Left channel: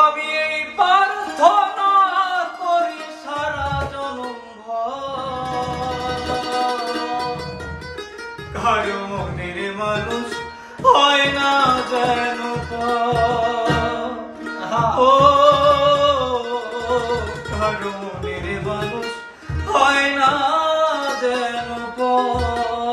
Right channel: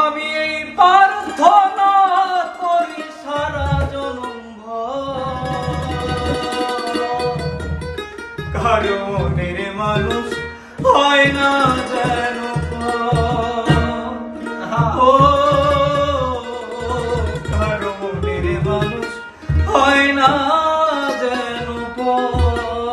আমি এই প্রার্থনা করি সারা জনম কারো মনের মানুষ হয় না যেন ও কারো মনের মানুষ হয় না যেন পর